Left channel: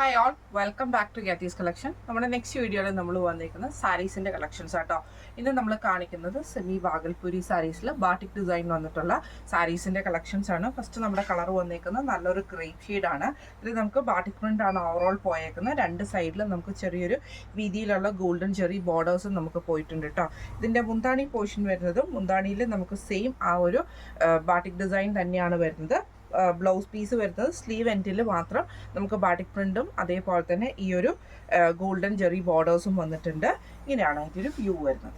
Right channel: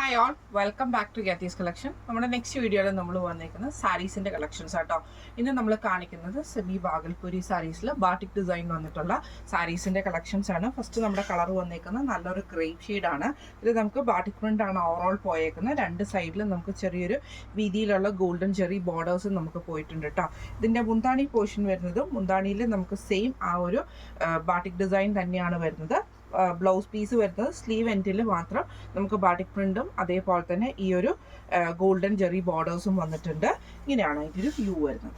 Hi all, welcome back to Getty's collection. നമ്മുടെ next വീഡിയോയിൽ നമ്മൾ വന്നിരിക്കുന്നത് സാരീസിൻ്റെ കളക്ഷൻസ് ആട്ടോ. ഇന്ന് നമ്മൾ കാണിക്കുന്നത് സെമി ബാഗൽപൂരി സാരീസിൽ ബാട്ടിക് ഡിസൈൻ വന്നിട്ടുള്ള സാരീസിൻ്റെ കളക്ഷൻസ് ആണ്. ഫസ്റ്റ് നമ്മുടെ കളർ വന്നേക്കുന്നത് നല്ലൊരു ഗ്രേപ്പ് ഷെയ്ഡാണ്. ഇത് നമുക്ക് ബാട്ടിക് പ്രിൻ്റ് ആണ് ഓവറോൾ പോയേക്കുന്നത്. രണ്ട് സൈഡിലും നമുക്ക് ചെറിയൊരു വീതിയിലുള്ള ഗോൾഡൻ ചെറി ബോർഡേഴ്സും നമുക്ക് പോയിട്ടുണ്ട് കേട്ടോ. ഇതിൻ്റെ മുന്താണി പോർഷൻ വരുന്നതും മുന്താണിയിൽ നമുക്ക് സെയിം ആ ഒരു ബാട്ടിക് ഡിസൈൻ തന്നെയാണ് വരുന്നത്. ബ്ലൗസ് പീസ് വരുന്നത് സ്ലീവ് എൻഡിൽ മാത്രം നമുക്ക് ബാട്ടിക് പ്രിൻറ്റും അതേപോലെ തന്നെ ഈ ഒരു ഗോൾഡൻ ജെറി ബോർഡേഴ്സും വന്നിട്ടുണ്ട്. ഇങ്ങനെയാണ് ഇതിൻ്റെ വ്യൂ വരുന്നത്.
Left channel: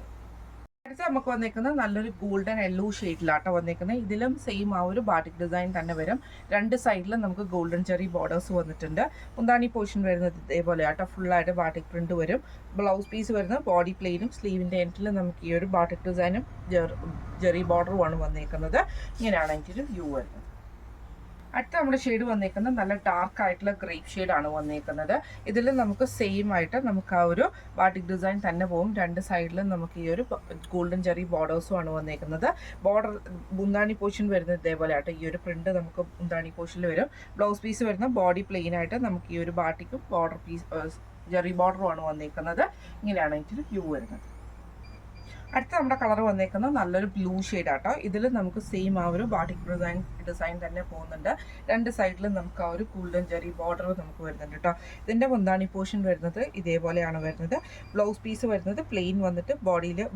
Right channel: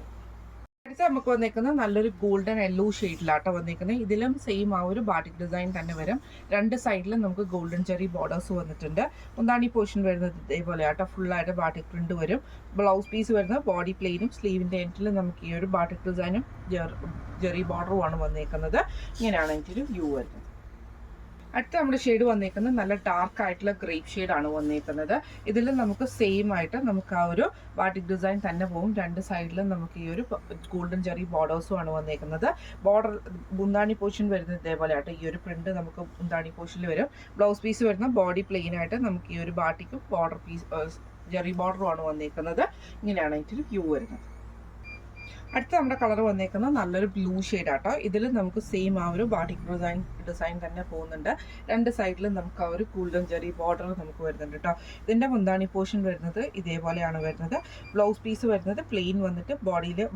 അടുത്ത നമുക്ക് വന്നേക്കുന്നത് നല്ലൊരു ഗോൾഡൻ യെല്ലോ ഷെയ്ഡിലാട്ടോ വന്നേക്കുന്നത്. ഇതിലും സെയിം ആ ഒരു ബാട്ടിക് ഡിസൈൻ തന്നെ വരും. രണ്ട് സൈഡിലും നമുക്ക് ഗോൾഡൻ ചെറി ബോർഡേഴ്സ് വന്നിട്ടുണ്ട്. മുന്താണി പോർഷൻ വരുന്നത് ഇതേപോലെ ആട്ടോ, ഫുള്ളായിട്ട് ബാട്ടിക് പ്രിൻറ്റ് വരും. ബ്ലൗസ് പീസ് വരുന്നത് ബോഡി പ്ലെയിനും സ്ലീവിൻ്റെ എൻഡിലും നമുക്ക് ഈ ഒരു ബാട്ടിക് ഡിസൈനും ജെറി ബോർഡറുമാണ് വന്നേക്കുന്നത്. ഇങ്ങനെയാണ് ഇതിൻ്റെ വ്യൂ വരുന്നത്. അടുത്ത നമ്മുടെ ഷെയ്ഡ് വന്നേക്കുന്നത് നല്ല ഡാർക്ക് ആയിട്ടുള്ള ഗ്രേപ്പ് ഷെയ്ഡാണ് വന്നേക്കുന്നത്. ഇതിൽ നമുക്ക് സെയിം ആയിട്ട് നമുക്ക് ആ ഒരു ബാട്ടിക് ഡിസൈൻ തന്നെ പോകും. രണ്ട് സൈഡിലും നമുക്ക് ഈ ഒരു ഗോൾഡൻ ചെറി ബോർഡേഴ്സും ആണ് വന്നേക്കുന്നത്. ബോർഡർ മുന്താണി പോർഷൻ വരുന്നത് ഇതേപോലെ ആയിട്ട് ഈ ഒരു പ്രിന്റ് നമുക്ക് മുന്താണി പോർഷനിൽ വരും. ബ്ലൗസ് പീസ് വരുന്ന ബോഡി പ്ലെയിൻ ആയിട്ട് നമുക്ക് ഈ ഒരു ബാട്ടിക്കും ബോർഡർ പീസ് ജെറി ബോർഡറും ആണ് വന്നേക്കുന്നത്. ഇങ്ങനെയാണ് ഇതിൽ വ്യൂ വരുന്നത്. അടുത്ത നമ്മുടെ കളർ വന്നേക്കുന്നത് നല്ലൊരു ബ്ലൂ ഷെയ്ഡാട്ടോ. ഇതിൽ നമുക്ക് സെയിം ആ ഒരു ബാട്ടിക് ഡിസൈൻ തന്നെ പോകുന്നുണ്ട്. രണ്ട് സൈഡിലും നമുക്ക് ആ ഒരു ഗോൾഡൻ ജെറി ബോർഡർ നമുക്ക് വരുന്നുണ്ട് കേട്ടോ. ഇതിൻ്റെ മുന്താണി പോർഷൻ വരുന്നത് ഇതേപോലെയാണ് വരുന്നത്. ബ്ലൗസ് പീസ് വരുന്നത് പ്ലെയിൻ വന്നിട്ട്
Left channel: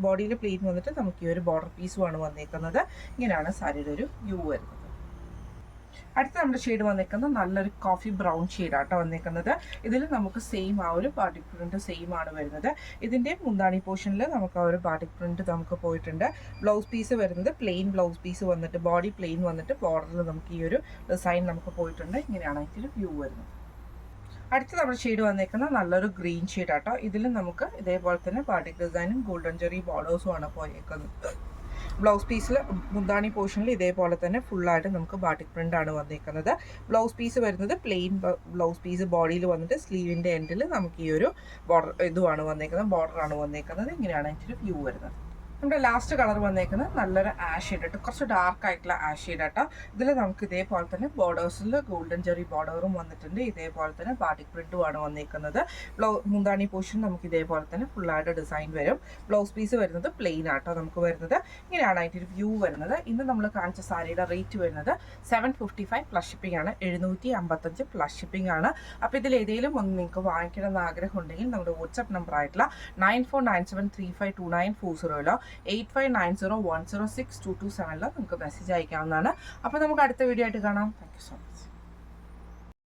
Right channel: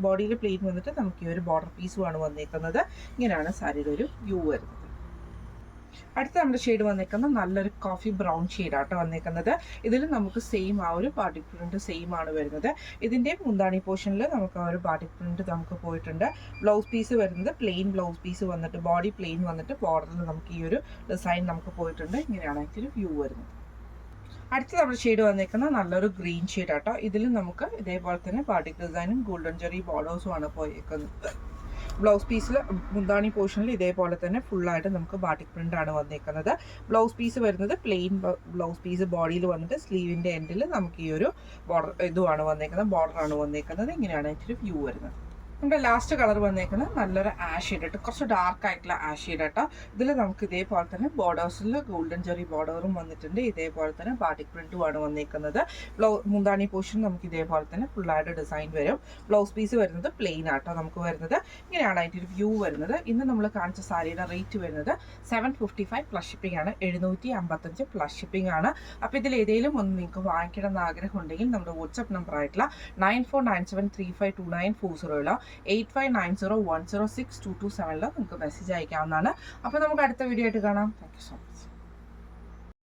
ബോഡിയിൽ പ്ലെയിൻ വന്നിട്ട് നമുക്ക് ഈ ഒരു ബോർഡർ പീസുമാണ് വന്നേക്കുന്നത്. ഇങ്ങനെയാണ് സാരിയുടെ ഒരു വ്യൂ വരുന്നത്. അടുത്ത നമ്മുടെ ഷെയ്ഡ് വന്നേക്കുന്നത് നല്ലൊരു കോഫി ബ്രൗൺ ഷെയ്ഡാട്ടോ വന്നേക്കുന്നത്. ഇതിൽ നമുക്ക് സെയിം ആ ഒരു ബാട്ടിക് പ്രിന്റ് സെയിം ആണ് വരുന്നത്. ഇതിൻ്റെ മുന്താണി പോർഷനിൽ നമുക്ക് ആ ഒരു ബാട്ടിക് പ്രിന്റ് നമുക്ക് പോയിട്ടുണ്ട്. ബ്ലൗസ് പീസ് വരുന്നത് പ്ലെയിൻ ബ്ലൗസ് പീസ് വന്നിട്ട് ബോഡി പ്ലെയിൻ വന്നിട്ട് ബോർഡറിൽ നമുക്ക് ഈ ഒരു ഡിസൈൻ നമുക്ക് പോയിട്ടുണ്ട്. ഇങ്ങനെയാണ് ഇതിൽ വ്യൂ വരുന്നത്. അടുത്ത നമ്മുടെ ഷെയ്ഡ് വന്നേക്കുന്നത് നല്ലൊരു ഗ്രീൻ ഷെയ്ഡാട്ടോ. ഇതിൽ നമുക്ക് ഇതേപോലെ തന്നെ ബാട്ടിക് ഡിസൈനും ഗോൾഡൻ ജെറി ബോർഡേഴ്സും ആണ് പോയേക്കുന്നത്. ബ്ലൗസ് പീസിൽ മുന്താണി പോർഷനിൽ ഇതേപോലെ തന്നെ ഫുള്ളായിട്ട് നമുക്ക് ബാട്ടിക് പ്രിൻ്റ് ആണ് വന്നേക്കുന്നത്. ബ്ലൗസ് പീസ് വരുന്നത് പ്ലെയിൻ ബ്ലൗസ് പീസ് ബോഡിയിൽ വന്നിട്ട് സ്ലീവിൻ്റെ എൻഡിൽ നമുക്ക് ഈ ഒരു ബോർഡർ ഇതുമാണ് വന്നേക്കുന്നത്, ബോർഡറാണ് വന്നേക്കുന്നത്. ഇങ്ങനെയാണ് ഇതിൻ്റെ വ്യൂ വരുന്നത്. നമ്മുടെ ലാസ്റ്റ് കളർ വന്നേക്കുന്നത് നല്ലൊരു ആഷ് ഷെയ്ഡ്, കുറച്ച് ഡാർക്ക് ആയിട്ടുള്ള ആഷ് ഷെയ്ഡ് ആട്ടോ. ഇതിൽ നമുക്ക് ഇതേപോലെ തന്നെ ബോർഡേഴ്സിൽ ഗോൾഡൻ ചെറി ബോർഡറും വന്നിട്ടുണ്ട്. ഇതേപോലെ തന്നെ ബാട്ടിക് പ്രിന്റും ആണ് വന്നേക്കുന്നത്. മുന്താണി പോർഷൻ നമുക്ക് ഇതേപോലെ തന്നെ ഫുള്ളായിട്ട് ഡിസൈൻ വരും. ബ്ലൗസ് പീസ് വരുന്നത് പ്ലെയിൻ ആട്ടോ നമുക്ക് വരുന്നത്. ഇങ്ങനെയാണ് അതിൻ്റെ ഒരു വ്യൂ വരുന്നത്. ഇന്ന് നമ്മൾ കാണിച്ച സാരിയുടെ റേറ്റ് വരുന്നത് 755 പ്ലസ് ഷിപ്പിംഗ് ആണ്. 755 പ്ലസ് ഷിപ്പിംഗ് ആണ്. അപ്പോൾ ഇതിൽ ഏതെങ്കിലും ഒന്ന് നിങ്ങൾക്ക് വാങ്ങിക്കണം എന്ന് ആഗ്രഹം ഉണ്ടെങ്കിൽ നമ്മുടെ വാട്സ്ആപ്പ് നമ്പർ ആയിട്ടുള്ള 9497352940 8590106227 നിങ്ങൾക്ക് മെസ്സേജ് അയക്കാവുന്നതാണ്. അപ്പോൾ നമുക്ക് അടുത്ത വീഡിയോ ആയിട്ട് കാണാം. Thank you so much.